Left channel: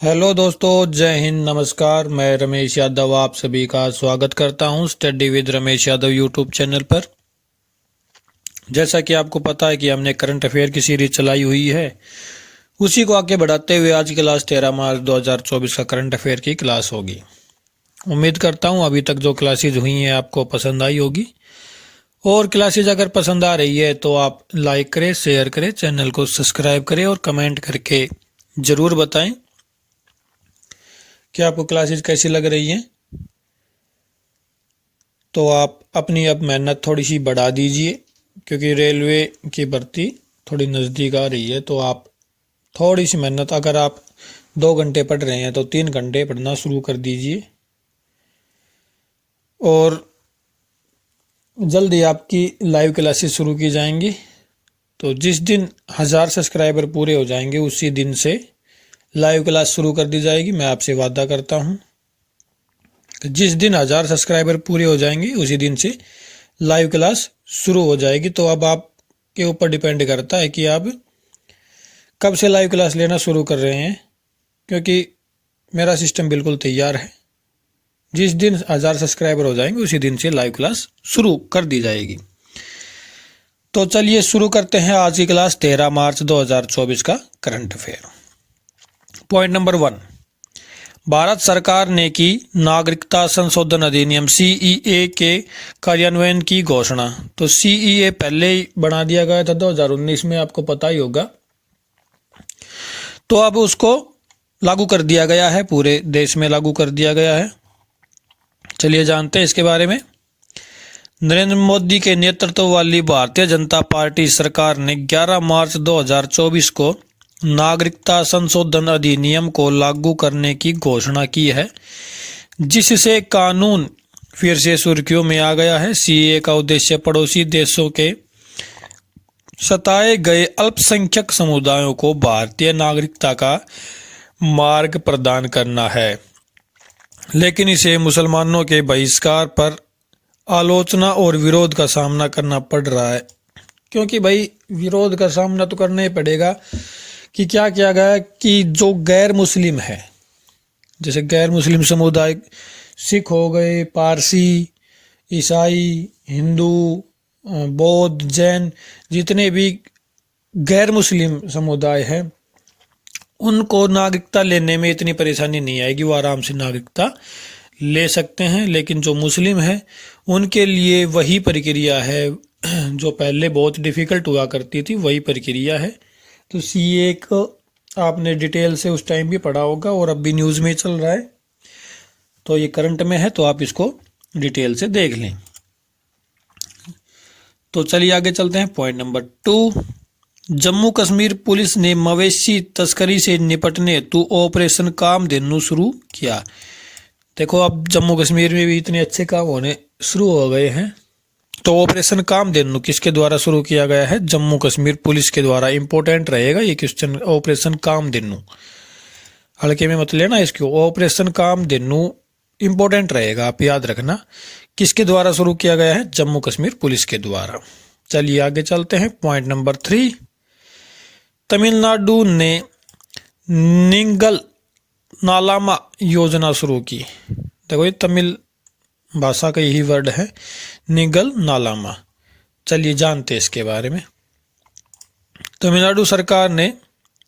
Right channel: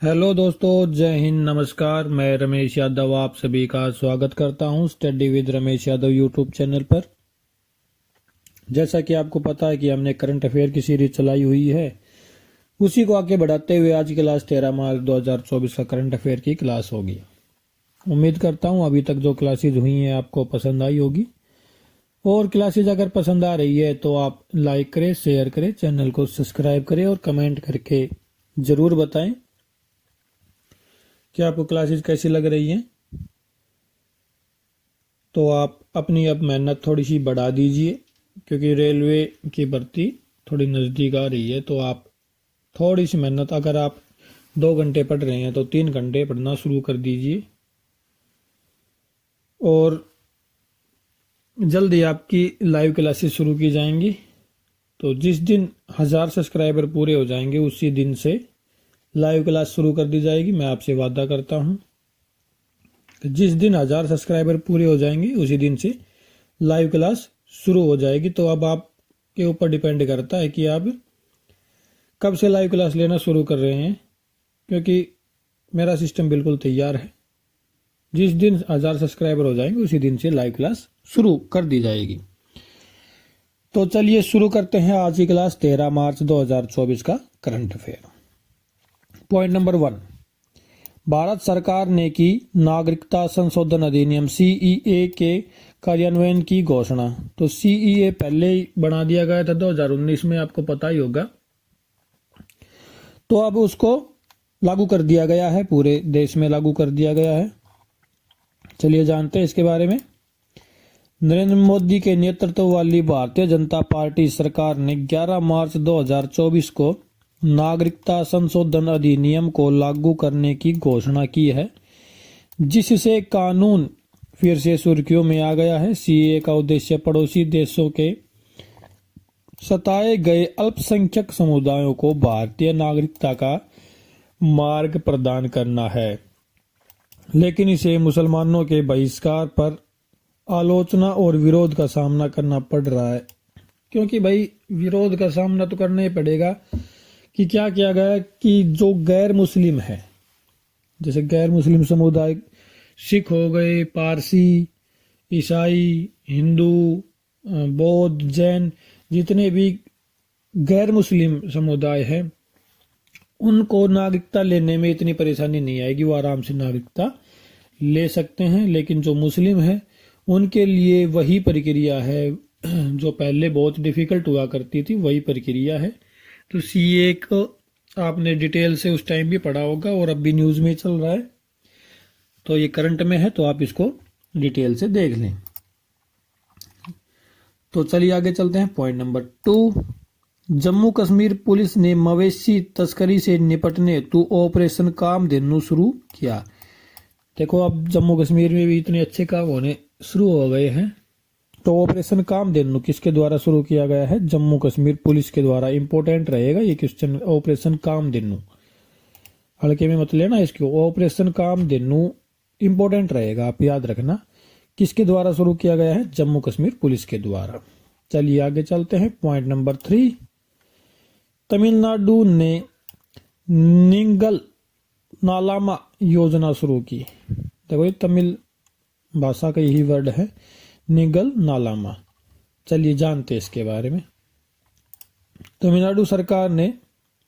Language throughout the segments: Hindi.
हेलो दोस्तों, जय हिंद, नमस्कार। मैं रमेश यादव आप सभी का स्वागत करता हूं study with Ramesh Yadav YouTube channel पर। जैसा कि आपको पता है कि हमने करंट अफेयर की सीरीज चलाई हुई है, उसी को आगे बढ़ाते हुए आज की क्लास 13 मार्च 2024 का करंट अफेयर की क्लास होगी। उम्मीद करता हूं अभी तक जो क्लासेज हुई हैं आपको पसंद आई होगी, और क्लासेज अगर पसंद आ रही है तो आप लाइक करें, शेयर करें, चैनल को सब्सक्राइब करें और कमेंट करके ज़रूर बताएं कि आपको क्लासेस कैसी लग रही हैं। तो आप अपनी अब मेहनत थोड़ी सी बढ़ा दीजिए, क्योंकि रेलवे की भर्ती थोड़ी नज़दीक आ रही है। तो आप थोड़ी सी मेहनत, अगर आप 2 घंटे पढ़ रहे हैं तो 3 घंटे पढ़ना शुरू कर दीजिए, और जल्दी आपकी लाइव क्लासेस शुरू की जाएंगी। तो जिस दिन 1000 सब्सक्राइबर पूरे हो जाएंगे उसी दिन से लाइव क्लास शुरू कर दी जाएगी। मैं आपसे वादा करता हूं, जिस दिन 1000 सब्सक्राइबर पूरे हो जाएंगे उसी दिन से लाइव क्लास शुरू हो जाएगी। तो अब आपके ऊपर डिपेंड करता है कि आप कब से लाइव क्लास लेना शुरू कर रहे हैं, क्योंकि मेरा सिस्टम बिल्कुल तैयार है। जिस दिन 1000 सब्सक्राइबर हो जाएंगे उसी दिन से लाइव क्लास शुरू कर दी जाएगी। तो चलिए शुरू करते हैं आज की क्लास 13 मार्च 2024 का current affair. Point number 1, Bharat सरकार ने की नागरिकता संशोधन अधिनियम सीईए के कार्यान्वयन की घोषणा। तो सीईए पहले ही बना दिया गया था 2019 में, आपको पता ही होगा। तो अब उसको लागू कर दिया गया है, पूरे देश में लागू कर दिया गया है। चलिए जानते हैं इसके बारे में। नरेंद्र मोदी के नेतृत्व वाली भारतीय जनता पार्टी सरकार ने 11 मार्च 2024 को नागरिकता संशोधन अधिनियम को लागू करने की घोषणा की है, जिससे कानून फिर से सुर्खियों में आ गया है। सीएए का उद्देश्य पड़ोसी देशों के सताए गए अल्पसंख्यक समुदायों को भारतीय नागरिकता का मार्ग प्रदान करना है, लेकिन इसे मुसलमानों के बहिष्कार पर आलोचना और विरोध का सामना करना पड़ रहा है। क्योंकि भाई विरोध का सामना तो करना ही पड़ेगा कि क्या किया गया कि जो गैर मुस्लिम है, जैसे गैर मुस्लिम समुदाय, सिख हो गए, पारसी, ईसाई, हिंदू, बौद्ध, जैन, जितने भी गैर मुस्लिम समुदाय हैं, उनको नागरिकता लेने में इतनी परेशानी नहीं आएगी, वो आराम से नागरिकता ले सकते हैं। लेकिन जो मुस्लिम है उनके लिए वही प्रक्रिया है जो पहले बहुत डिफ़िकल्ट हुआ करती थी, वही प्रक्रिया है। तो सीए को आपने डिटेल से उस टाइम भी पढ़ा होगा और अब भी न्यूज़ में चल रहा है, तो ये करंट में है, तो आप इसको डिटेल से देख लें। तो चलिए आगे चलते हैं। Point number 2, Jammu Kashmir police ने मवेशी तस्करी से निपटने हेतु ऑपरेशन कामधेनु शुरू किया। देखो अब जम्मू कश्मीर में भी इतने अच्छे काम होने शुरू हो गए हैं। तो ऑपरेशन कामधेनु किसके द्वारा शुरू किया गया है? जम्मू कश्मीर पुलिस के द्वारा। इंपॉर्टेंट रहेगा ये क्वेश्चन, ऑपरेशन कामधेनु, हल्के में मत लेना इसको। ऑपरेशन कामधेनु इंपॉर्टेंट रहेगा, आप याद रखना। किसके द्वारा शुरू किया गया है? जम्मू कश्मीर पुलिस के द्वारा। चलिए आगे चलते हैं। पॉइंट नंबर 3, तमिलनाडु ने निंगल नालामा योजना शुरू की। देखो ये तमिल भाषा का यही वर्ड है, निगल नालामा। चलिए जानते हैं इसके बारे में। तमिलनाडु सरकार ने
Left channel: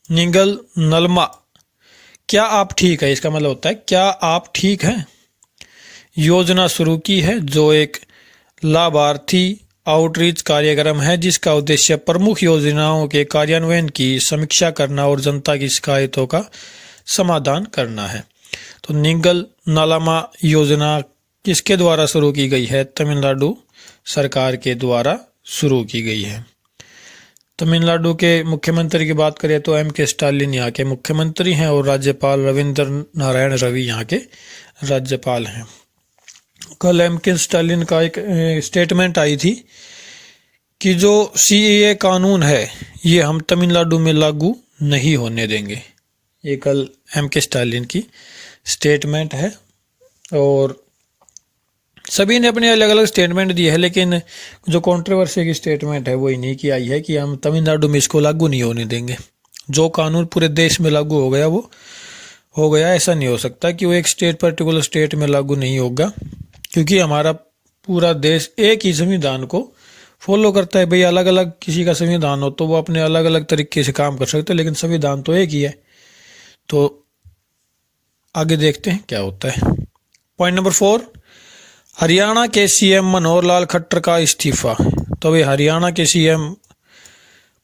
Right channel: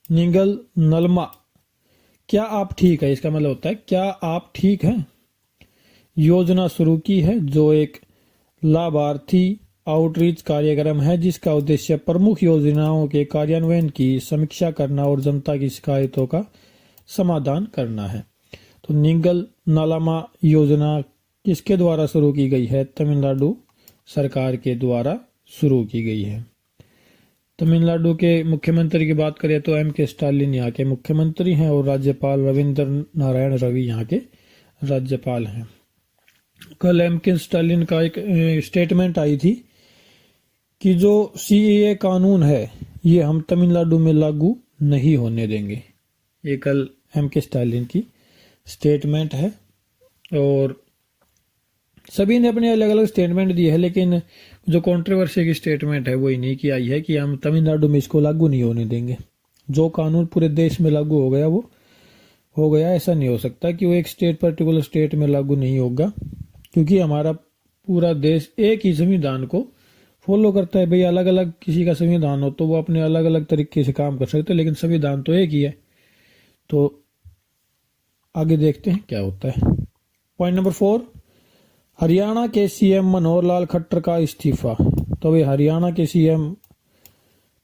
निगल नलमा, क्या आप ठीक है, इसका मतलब होता है क्या आप ठीक हैं, योजना शुरू की है, जो एक लाभार्थी आउटरीच कार्यक्रम है जिसका उद्देश्य प्रमुख योजनाओं के कार्यान्वयन की समीक्षा करना और जनता की शिकायतों का समाधान करना है। तो निगल नालामा योजना किसके द्वारा शुरू की गई है? तमिलनाडु सरकार के द्वारा शुरू की गई है। तमिलनाडु के मुख्यमंत्री की बात करें तो M.K. स्टालिन यहाँ के मुख्यमंत्री हैं और राज्यपाल रविंद्र नारायण रवि यहाँ के राज्यपाल हैं। कल M.K. स्टालिन का एक स्टेटमेंट आई थी कि जो CAA कानून है ये हम तमिलनाडु में लागू नहीं होने देंगे। ये कल M.K. स्टालिन की स्टेटमेंट है, और सभी ने अपने अलग अलग स्टेटमेंट दिए हैं, लेकिन जो कंट्रोवर्सी की स्टेटमेंट है वो इन्हीं की आई है कि हम तमिलनाडु में इसको लागू नहीं होने देंगे। जो कानून पूरे देश में लागू हो गया वो हो गया, ऐसा नहीं हो सकता कि वो एक स्टेट पर्टिकुलर स्टेट में लागू नहीं होगा, क्योंकि हमारा पूरा देश एक ही संविधान को फॉलो करता है। भाई अलग अलग किसी का संविधान हो तो वो अपने अलग अलग तरीके से काम कर सकते हैं, लेकिन संविधान तो एक ही है। तो आगे देखते हैं क्या होता है। पॉइंट नंबर 4, हरियाणा के सीएम मनोहर लाल खट्टर का इस्तीफा। तो भाई हरियाणा के सीएम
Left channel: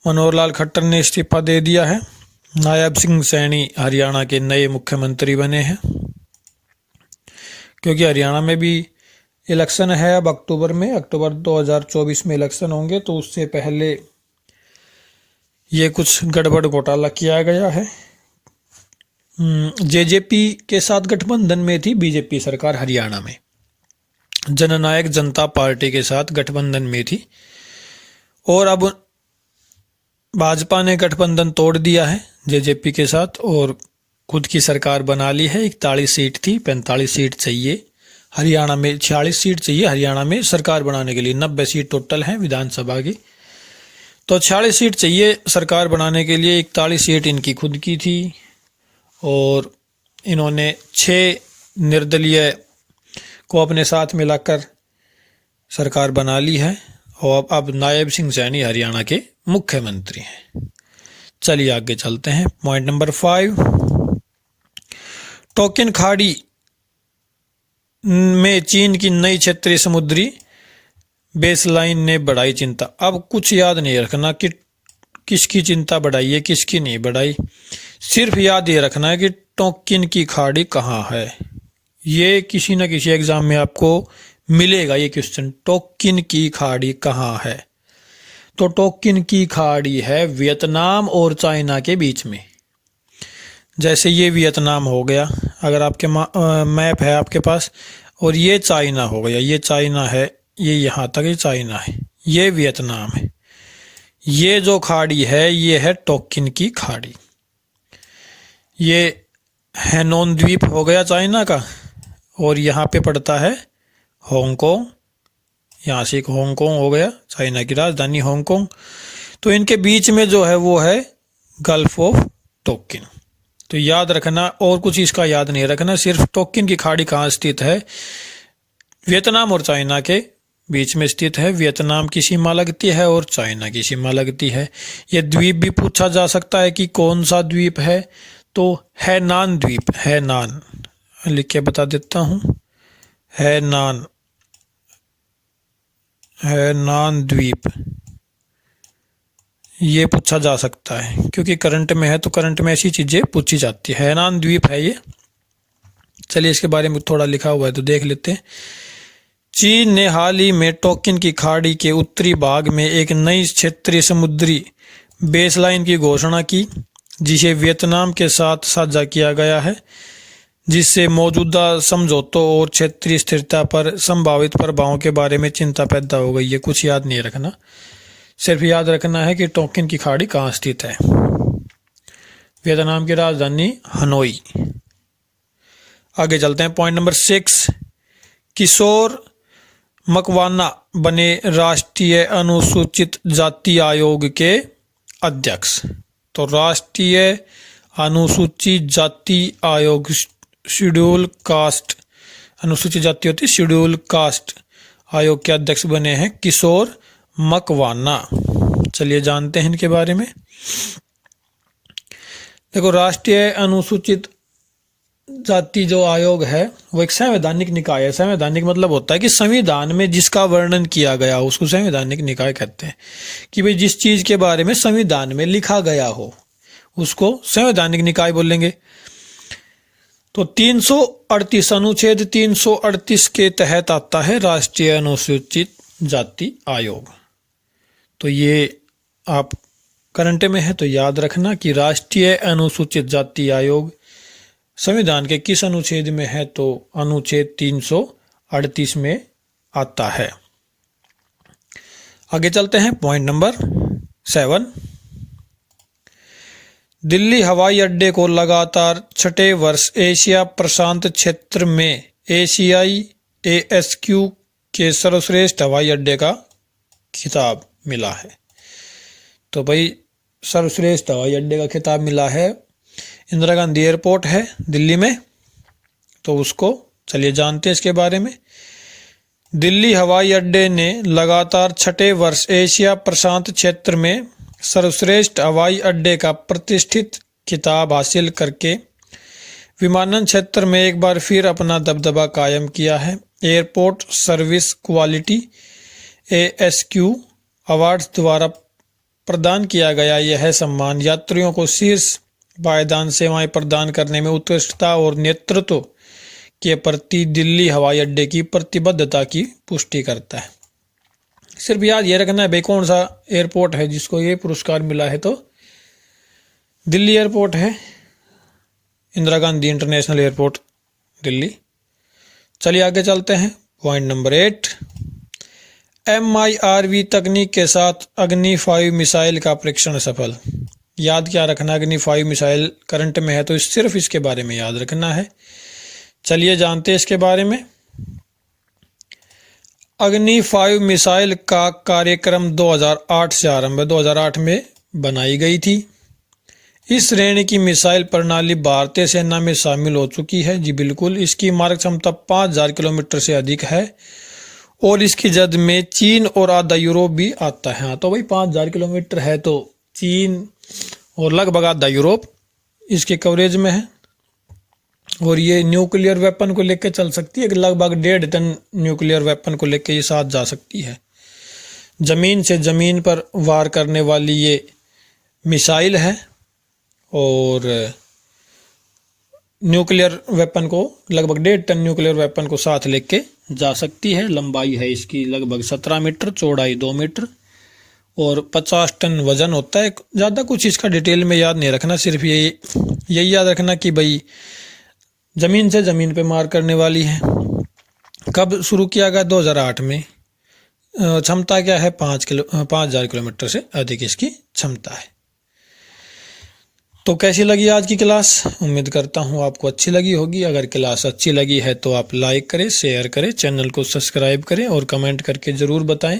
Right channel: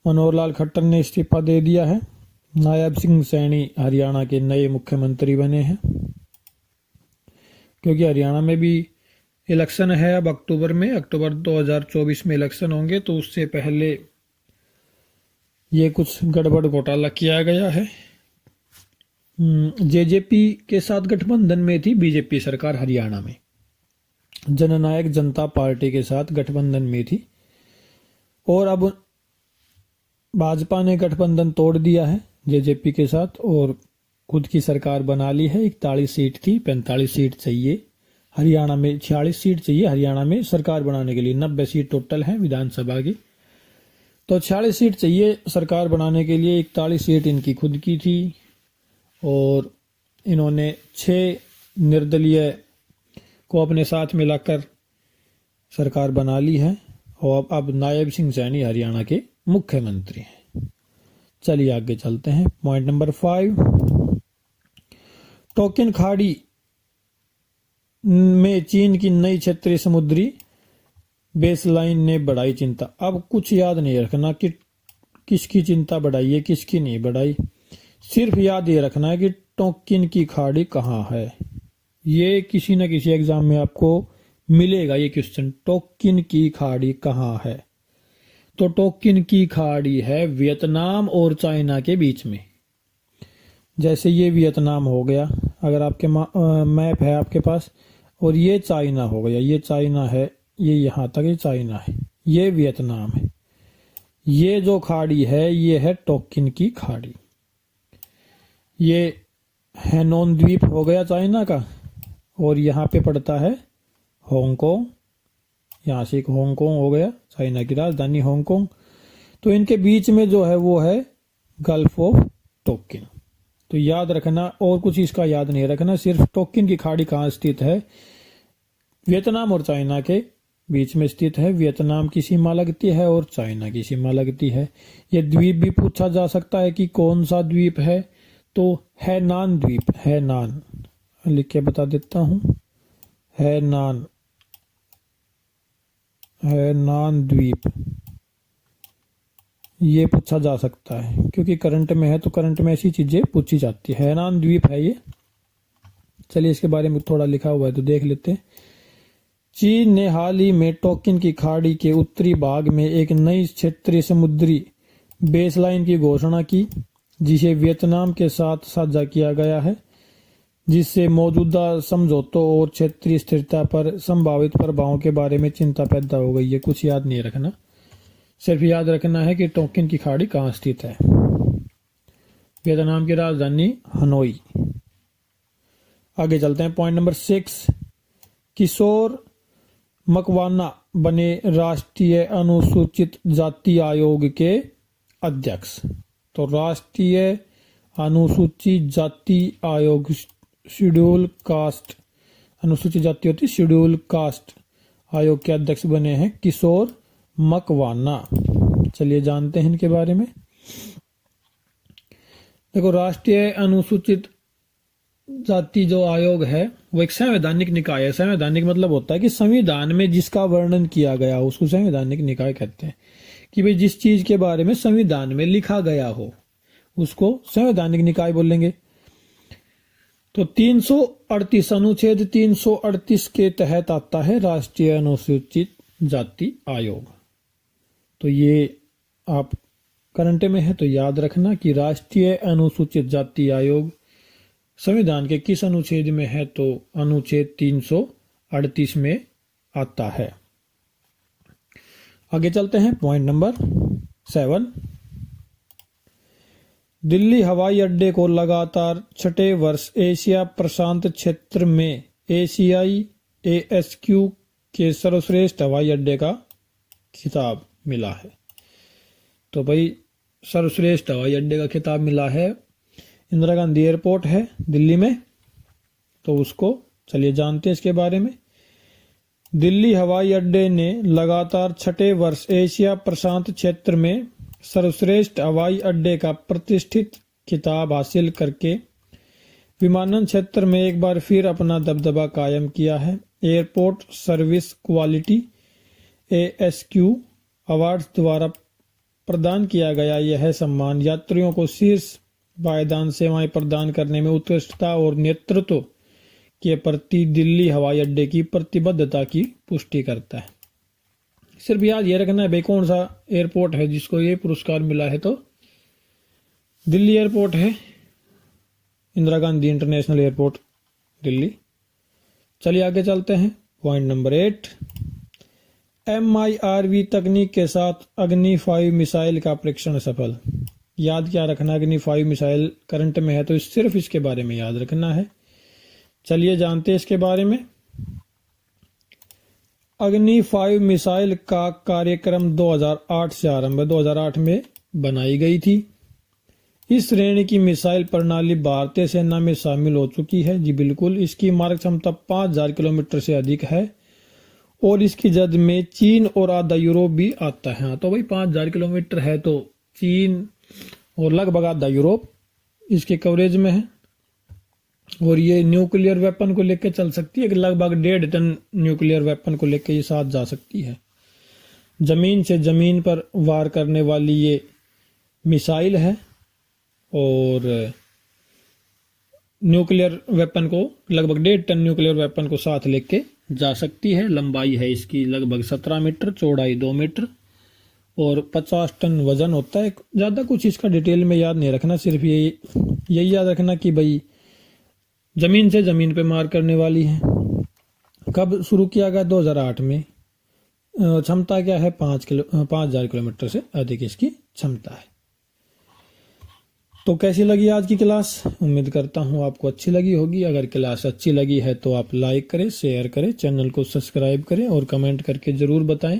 मनोहर लाल खट्टर ने इस्तीफा दे दिया है। नायब सिंह सैनी हरियाणा के नए मुख्यमंत्री बने हैं, क्योंकि हरियाणा में भी इलेक्शन है अब अक्टूबर 2024 में इलेक्शन होंगे, तो उससे पहले ये कुछ गड़बड़ घोटाला किया गया है। जेजेपी के साथ गठबंधन में थी बीजेपी सरकार हरियाणा में, जननायक जनता पार्टी के साथ गठबंधन में थी, और अब भाजपा ने गठबंधन तोड़ दिया है जेजेपी के साथ और खुद की सरकार बना ली है। 41 सीट थी, 45 सीट चाहिए हरियाणा में, 46 सीट चाहिए हरियाणा में सरकार बनाने के लिए। 90 सीट टोटल है विधानसभा की, तो 46 सीट चाहिए सरकार बनाने के लिए। 41 सीट इनकी खुद की थी और इन्होंने 6 निर्दलीय को अपने साथ मिलाकर सरकार बना ली है, और अब नायब सिंह सैनी हरियाणा के मुख्यमंत्री हैं। चलिए आगे चलते हैं। पॉइंट नंबर 5, टोकिन खाड़ी में चीन की नई क्षेत्रीय समुद्री बेसलाइन ने बढ़ाई चिंता। अब कुछ याद नहीं रखना कि किसकी चिंता बढ़ाई है किसकी नहीं बढ़ाई, सिर्फ याद ये रखना है कि टोकिन की खाड़ी कहाँ है। ये किसी न किसी एग्जाम में आपको मिलेगा ये क्वेश्चन, टोकिन की खाड़ी कहाँ है। तो टोकिन की खाड़ी है वियतनाम और चाइना के बीच में। जैसे ये वियतनाम हो गया अगर आपके मैप है आपके पास, और ये चाइना हो गया, ये चाइना है, ये यहाँ तक ये चाइना है, ये वियतनाम है। ये जो खाड़ी है ये है टोकिन की खाड़ी। ये हैनोन द्वीप हो गया चाइना का, और यहाँ पे पड़ता है हांगकांग, यहाँ से एक हांगकांग हो गया चाइना की राजधानी हांगकांग। तो इनके बीच में जो है वो है गल्फ ऑफ टोकिन। तो याद रखना, और कुछ इसका याद नहीं रखना, सिर्फ टोकिन की खाड़ी कहाँ स्थित है, वियतनाम और चाइना के बीच में स्थित है। वियतनाम की सीमा लगती है और चाइना की सीमा लगती है। ये द्वीप भी पूछा जा सकता है कि कौन सा द्वीप है, तो हैनान द्वीप, हैनान लिख के बता देता हूँ, हैनान, हैनान द्वीप, ये पूछा जा सकता है क्योंकि करंट में है, तो करंट में ऐसी चीजें पूछी जाती है। हैनान द्वीप है ये। चलिए इसके बारे में थोड़ा लिखा हुआ है तो देख लेते हैं। चीन ने हाल ही में टोकिन की खाड़ी के उत्तरी भाग में एक नई क्षेत्रीय समुद्री बेसलाइन की घोषणा की, जिसे वियतनाम के साथ साझा किया गया है, जिससे मौजूदा समझौतों और क्षेत्रीय स्थिरता पर संभावित प्रभावों के बारे में चिंता पैदा हो गई है। कुछ याद नहीं रखना, सिर्फ याद रखना है कि टोकिन की खाड़ी कहाँ स्थित है। वियतनाम की राजधानी हनोई। आगे चलते हैं। पॉइंट नंबर 6, किशोर मकवाना बने राष्ट्रीय अनुसूचित जाति आयोग के अध्यक्ष। तो राष्ट्रीय अनुसूचित जाति आयोग, शेड्यूल कास्ट, अनुसूचित जाति होती है शेड्यूल कास्ट, आयोग के अध्यक्ष बने हैं किशोर मकवाना। चलिए जानते हैं इनके बारे में। देखो, राष्ट्रीय अनुसूचित जाति जो आयोग है वो एक संवैधानिक निकाय है। संवैधानिक मतलब होता है कि संविधान में जिसका वर्णन किया गया हो उसको संवैधानिक निकाय कहते हैं। कि भाई जिस चीज के बारे में संविधान में लिखा गया हो उसको संवैधानिक निकाय बोलेंगे। तो 338 अनुच्छेद 338 के तहत आता है राष्ट्रीय अनुसूचित जाति आयोग। तो ये आप करंट में है तो याद रखना कि राष्ट्रीय अनुसूचित जाति आयोग संविधान के किस अनुच्छेद में है, तो अनुच्छेद 338 में आता है। आगे चलते हैं। पॉइंट नंबर 7, दिल्ली हवाई अड्डे को लगातार 6ठे वर्ष एशिया प्रशांत क्षेत्र में एशियाई ASQ के सर्वश्रेष्ठ हवाई अड्डे का खिताब मिला है। तो भाई सर्वश्रेष्ठ हवाई अड्डे का खिताब मिला है इंदिरा गांधी एयरपोर्ट है दिल्ली में, तो उसको चलिए जानते हैं इसके बारे में। दिल्ली हवाई अड्डे ने लगातार छठे वर्ष एशिया प्रशांत क्षेत्र में सर्वश्रेष्ठ हवाई अड्डे का प्रतिष्ठित खिताब हासिल करके विमानन क्षेत्र में एक बार फिर अपना दबदबा कायम किया है। Airport service quality ASQ awards द्वारा प्रदान किया गया यह सम्मान यात्रियों को शीर्ष पायदान सेवाएं प्रदान करने में उत्कृष्टता और नेतृत्व के प्रति दिल्ली हवाई अड्डे की प्रतिबद्धता की पुष्टि करता है। सिर्फ याद ये रखना है भाई कौन सा एयरपोर्ट है जिसको ये पुरस्कार मिला है, तो दिल्ली एयरपोर्ट है, इंदिरा गांधी इंटरनेशनल एयरपोर्ट दिल्ली। चलिए आगे चलते हैं। पॉइंट नंबर 8, MIRV तकनीक के साथ अग्नि 5 मिसाइल का परीक्षण सफल। याद क्या रखना, अग्नि 5 मिसाइल करंट में है तो सिर्फ इसके बारे में याद रखना है। चलिए जानते हैं इसके बारे में। अग्नि 5 मिसाइल का कार्यक्रम 2008 से आरंभ है, 2008 में बनाई गई थी। इस श्रेणी की मिसाइल प्रणाली भारतीय सेना में शामिल हो चुकी है। जी बिल्कुल, इसकी मारक क्षमता 5000 किलोमीटर से अधिक है और इसकी जद में चीन और आधा यूरोप भी आता है। हाँ तो भाई 5000 किलोमीटर है तो चीन और लगभग आधा यूरोप इसके कवरेज में है। और ये न्यूक्लियर वेपन को लेकर चल सकती है, लगभग 1.5 टन न्यूक्लियर वेपन को लेकर ये साथ जा सकती है। ज़मीन से ज़मीन पर वार करने वाली ये मिसाइल है और न्यूक्लियर वेपन को लगभग 1.5 टन न्यूक्लियर वेपन को साथ लेके जा सकती है। लंबाई है इसकी लगभग 17 मीटर, चौड़ाई 2 मीटर और 50 टन वजन होता है। ज़्यादा कुछ इसका डिटेल में याद नहीं रखना, सिर्फ यही याद रखना कि भाई ज़मीन से ज़मीन पे मार करने वाली है। कब शुरू किया गया? 2008 में। क्षमता क्या है? 5000 किलोमीटर से अधिक इसकी क्षमता है। तो कैसी लगी आज की क्लास? उम्मीद करता हूँ आपको अच्छी लगी होगी। अगर क्लास अच्छी लगी है तो आप लाइक करें, शेयर करें, चैनल को सब्सक्राइब करें और कमेंट करके ज़रूर बताएं।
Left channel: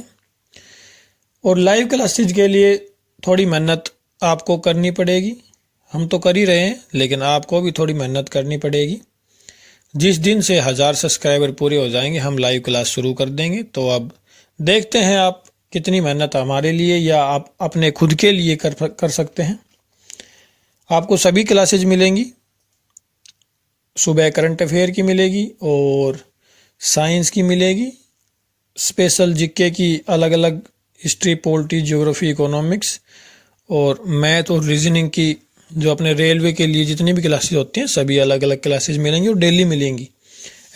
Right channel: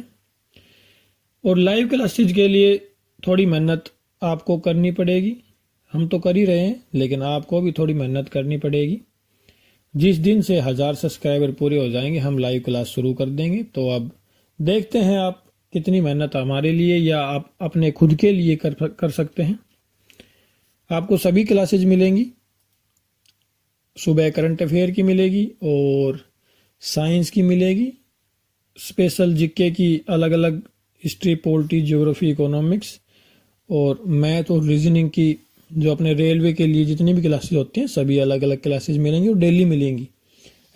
और लाइव क्लासेज के लिए थोड़ी मेहनत आपको करनी पड़ेगी। हम तो कर ही रहे हैं लेकिन आपको भी थोड़ी मेहनत करनी पड़ेगी। जिस दिन से 1000 सब्सक्राइबर पूरे हो जाएंगे हम लाइव क्लास शुरू कर देंगे। तो अब देखते हैं आप कितनी मेहनत हमारे लिए या आप अपने खुद के लिए कर सकते हैं। आपको सभी क्लासेज मिलेंगी। सुबह करंट अफेयर की मिलेगी और साइंस की मिलेगी, स्पेशल जीके की अलग अलग, हिस्ट्री, पॉलिटी, ज्योग्राफी, इकोनॉमिक्स और मैथ और रीजनिंग की जो अपने रेलवे के लिए जितनी भी क्लासेज होती हैं सभी अलग अलग क्लासेज मिलेंगी और डेली मिलेंगी।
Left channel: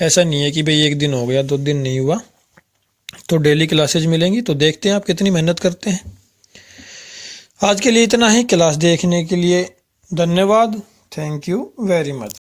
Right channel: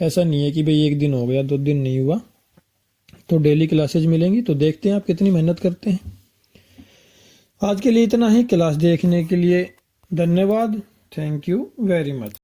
ऐसा नहीं है कि भाई एक दिन हो गया 2 दिन नहीं हुआ, तो डेली क्लासेज मिलेंगी। तो देखते हैं आप कितनी मेहनत करते हैं। आज के लिए इतना ही। क्लास देखने के लिए धन्यवाद। Thank you very much.